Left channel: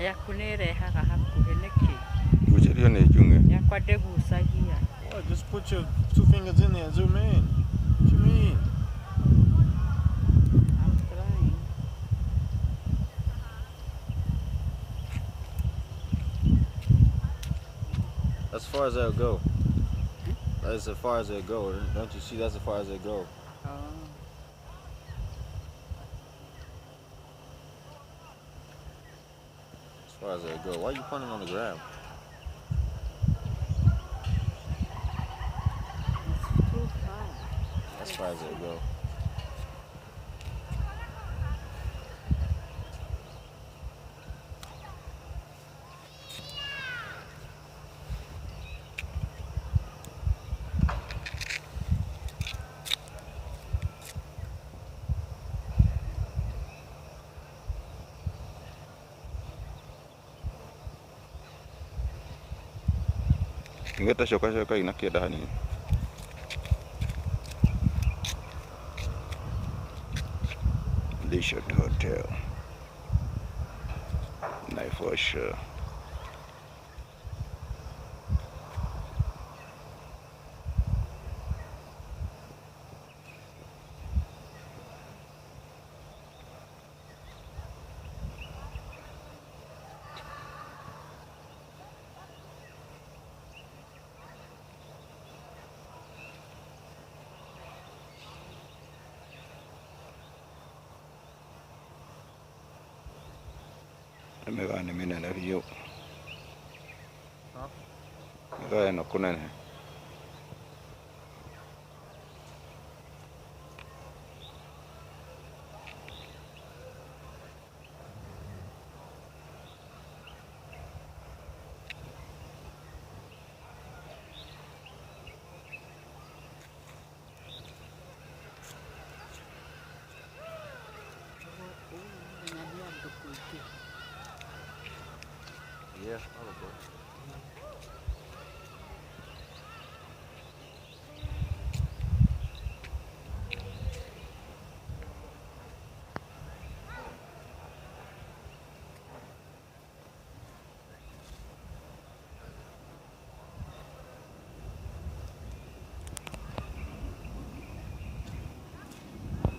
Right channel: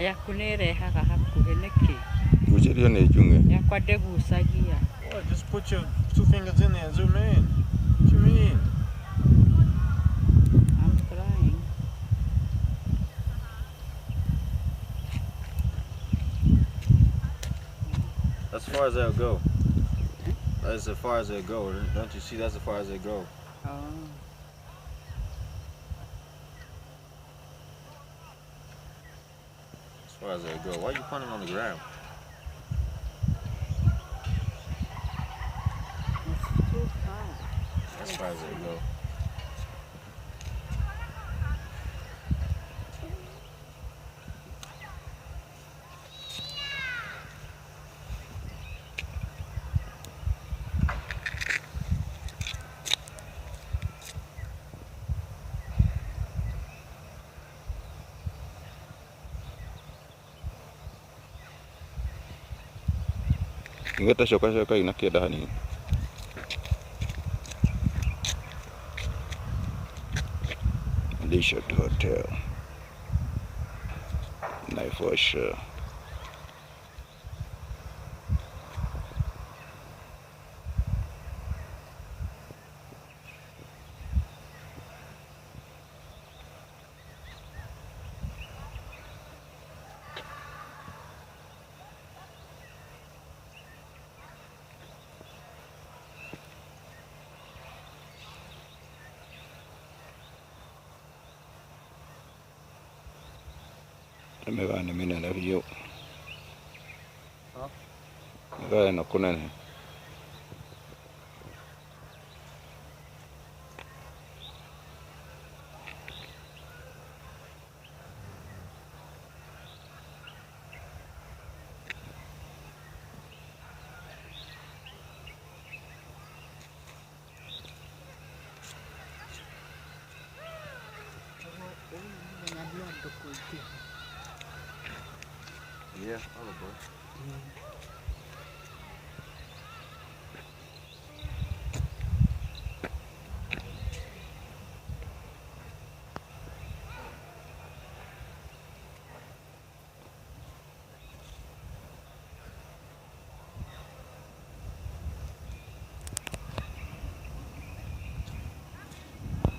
yaku nĩ ĩrehaga hakuhĩ nĩkĩ? Gucĩrio nĩ njung'e. Yakwa ndĩgucagia. What? Just put your 2 fingers in there and zoom in. What you mean? I'm trying. That's as far as they'll go. That's as far as they'll go. Don't you see? That's as far as they go. Oh. As far as they'll go. Why are you pointing on the ground? It's too far. That's as far as they'll go. Ngeta coka ina kĩenda hanini. Leisure Hotel. Naivasha. Mevane minene biũ. Mevane no kũnene. Yeah, all aboard.